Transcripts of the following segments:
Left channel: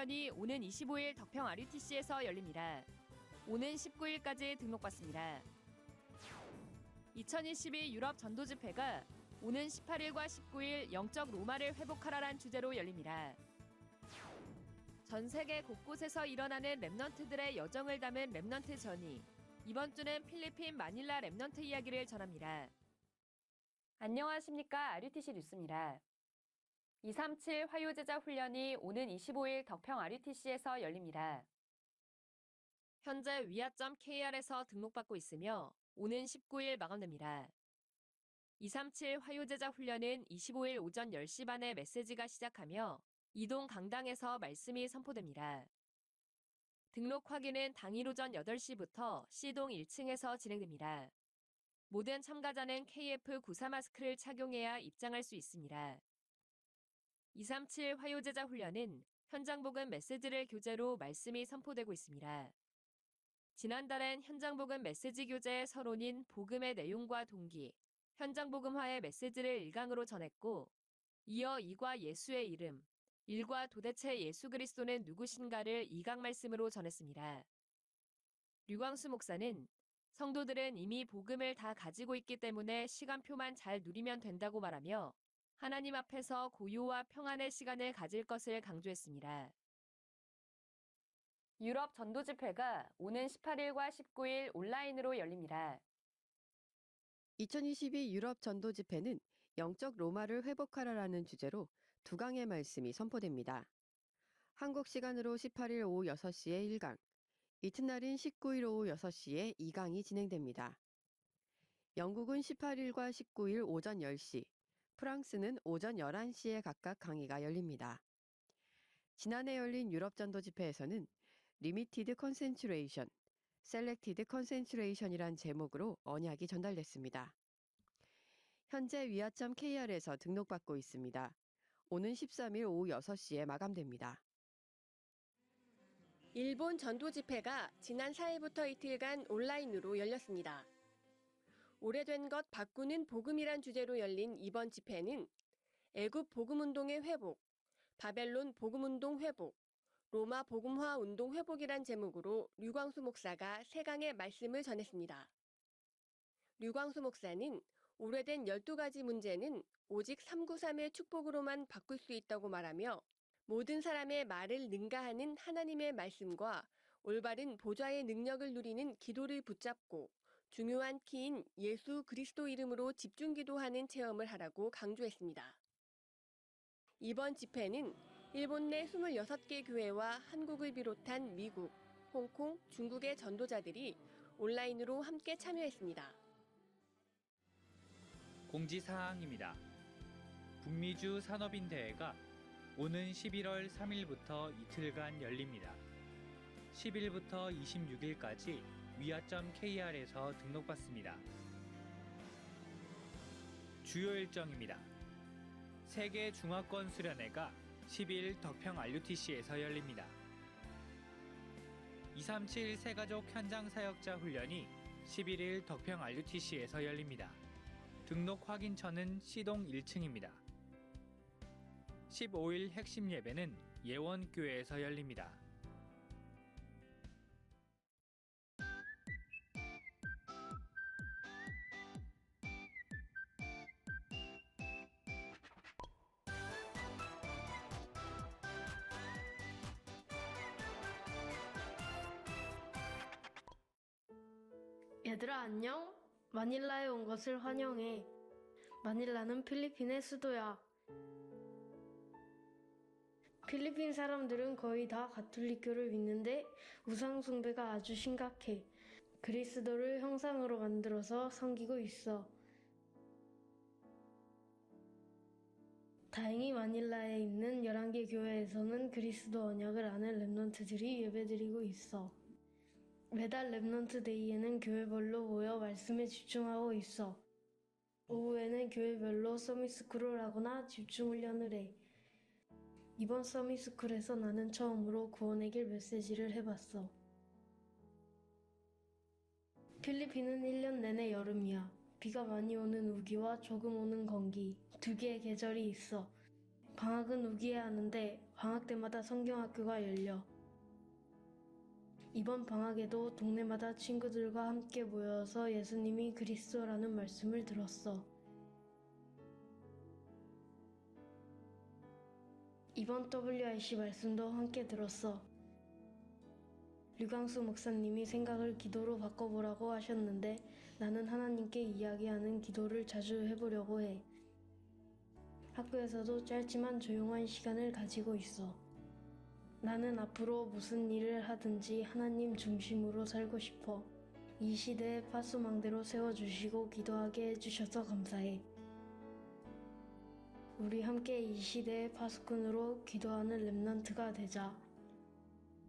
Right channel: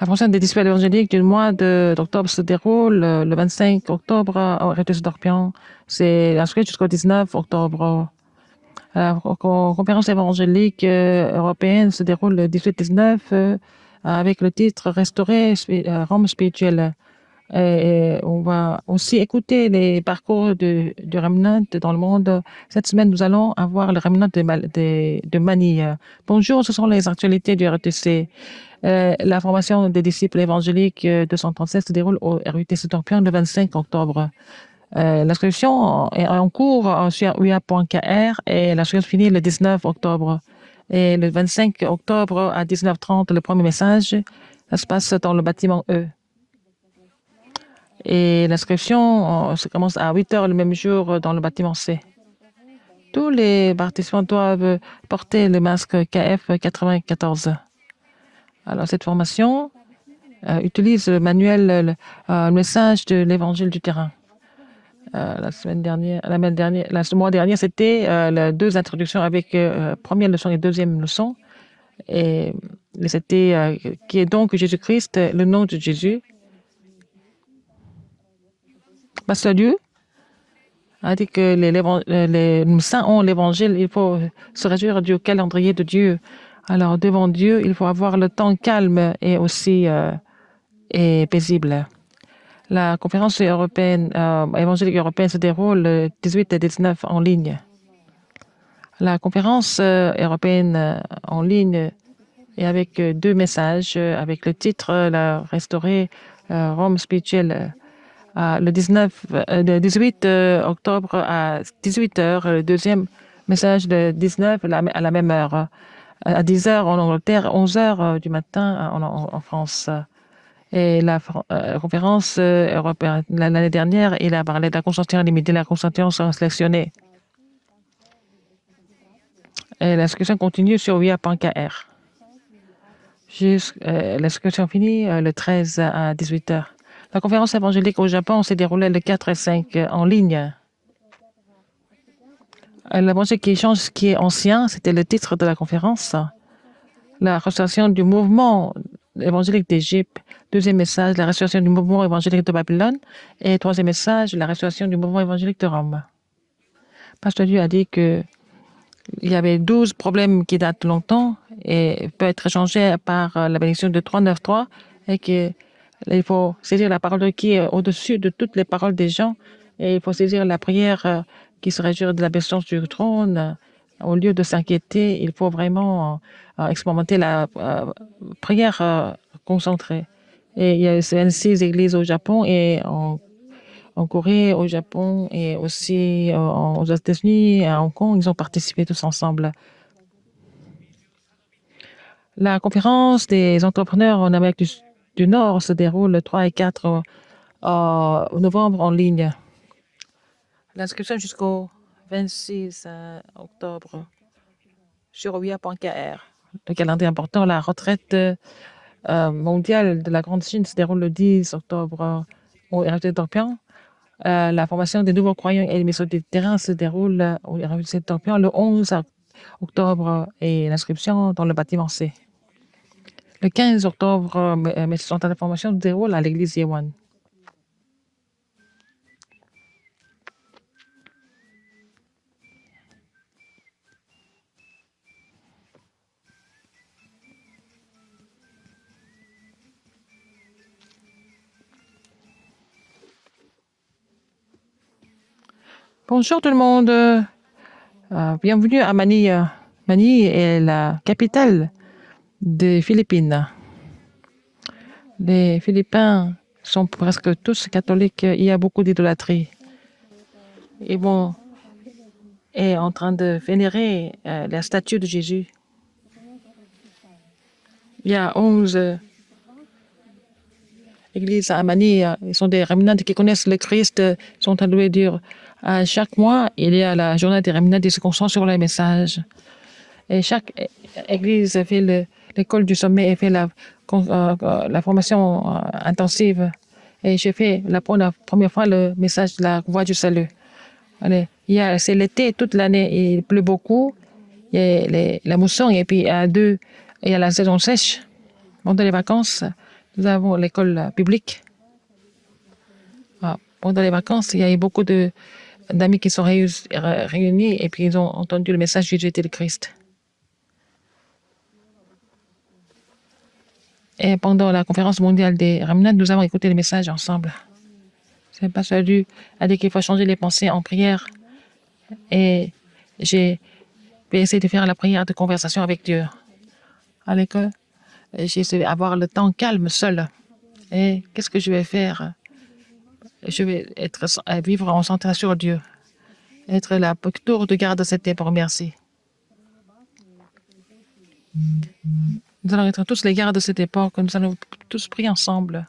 La prochaine des disciples évangéliques du mois d'octobre se déroule le 25 octobre au RTS d'Orpion. C'est inscrit jusqu'au 19 octobre. La conférence évangélique européenne se déroule le 18-19 avec le titre Restaurer Rome spirituelle. Et on va aussi écouter les parcours du remnant dans le monde. Cette semaine, nous allons avoir le remnant de Manille. Bonjour, ce sont les actualités du RTC. La formation des disciples évangéliques 237 se déroule au RUTC Torpion le 25 octobre. L'inscription est en cours sur uia.kr et l'inscription finit le 19 octobre. Et le 25 octobre à 19h30, le premier message, ça se passe dans le bâtiment E. Et l'inscription se commence à 8h le même jour dans le bâtiment C. Tous les participants doivent porter le masque KF 94. Alors, cette formation utilise le manuel, le message de l'évangile du terrain. Le mois dernier, c'était les deux introductions avec première leçon et deuxième leçon. Et c'était qui est donc Jésus-Christ, le nom de Jésus. Pasteur Liu a dit que les saints ont l'évangile, il faut se réjouir du calendrier de Dieu. Alors, devant Dieu, il faut avoir le temps calme et aussi et paisible. La conférence européenne, évangélique européenne se déroule le 18 et 19 en ligne. La conférence européenne en ligne est avec deux messages, avec le titre La restaurer Rome spirituelle. Le 18 octobre à 18h, le deuxième message de 19 à la même heure. À 10h en Angleterre, 11h du matin en France. Et la conférence européenne, l'année dernière, il a parlé de la concentration limitée, la concentration sélectionnée. Et l'inscription continue sur uia.kr. L'inscription finit le 13 à 18h. La conférence évangélique au Japon s'est déroulée le 4 et 5 en ligne. L'évangile qui change ce qui est ancien, c'était le titre de la conférence. La restauration du mouvement évangélique d'Égypte. Deuxième message, la restauration du mouvement évangélique de Babylone. Et troisième message, la restauration du mouvement évangélique de Rome. Pasteur Dieu a dit qu'il y avait 12 problèmes qui datent longtemps et peuvent être changés par la bénédiction de 393 et qu'il faut saisir la parole qui est au-dessus de toutes les paroles des gens et il faut saisir la prière qui se réjouit de la puissance du trône. Au lieu de s'inquiéter, il faut vraiment expérimenter la prière concentrée. Et il y a 26 églises au Japon et en Corée, au Japon et aussi aux États-Unis et à Hong Kong. Ils ont participé tous ensemble. La conférence des entrepreneurs en Amérique du Nord se déroule le 3 et 4 novembre en ligne. L'inscription jusqu'au 26 octobre sur uia.kr. Le calendrier important, la retraite mondiale de la Grande Chine se déroule le 10 octobre au RT Torpion. La formation des nouveaux croyants et les missions du terrain se déroule au RT Torpion le 11 octobre et l'inscription dans le bâtiment C. Le 15 octobre, mes centres de formation se déroulent à l'église Yewan. Bonjour tout le monde. Bienvenue à Manille. Manille est la capitale des Philippines. Les Philippins sont presque tous catholiques. Il y a beaucoup d'idolâtrie. Ils est en train de vénérer la statue de Jésus. Il y a 11 églises à Manille. Ils sont des remnants qui connaissent le Christ, sont alloués dur. Chaque mois, il y a la journée des remnants qui se concentrent sur les messages. Et chaque église fait l'école du sommet et fait la formation intensive. Et j'ai fait pour la première fois le message de la voie du salut. C'est l'été toute l'année, il pleut beaucoup, il y a la mousson et puis il y a la saison sèche. Pendant les vacances, nous avons l'école publique. Pendant les vacances, il y a eu beaucoup d'amis qui sont réunis et puis ils ont entendu le message du Jésus-Christ. Et pendant la conférence mondiale des Remnants, nous avons écouté le message ensemble. Le pasteur Lu a dit qu'il faut changer les pensées en prière. Et j'ai essayé de faire la prière de conversation avec Dieu. À l'école, j'ai essayé d'avoir le temps calme seul. Et qu'est-ce que je vais faire? Je vais vivre en centré sur Dieu. Être la tour de garde de cette époque. Merci. Nous allons être tous les gardes de cette époque. Nous allons tous prier ensemble.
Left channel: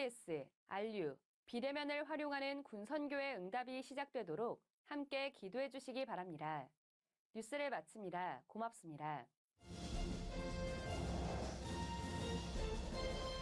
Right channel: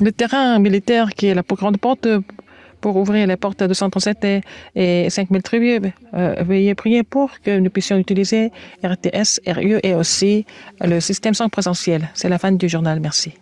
Le terrain militaire qui est la plus grande porte pour ouvrir les portes de 237 et 5000 tribus, veuillez prier pour que nous puissions utiliser RTS, RU et aussi le système sans présentiel. C'est la fin du journal. Merci.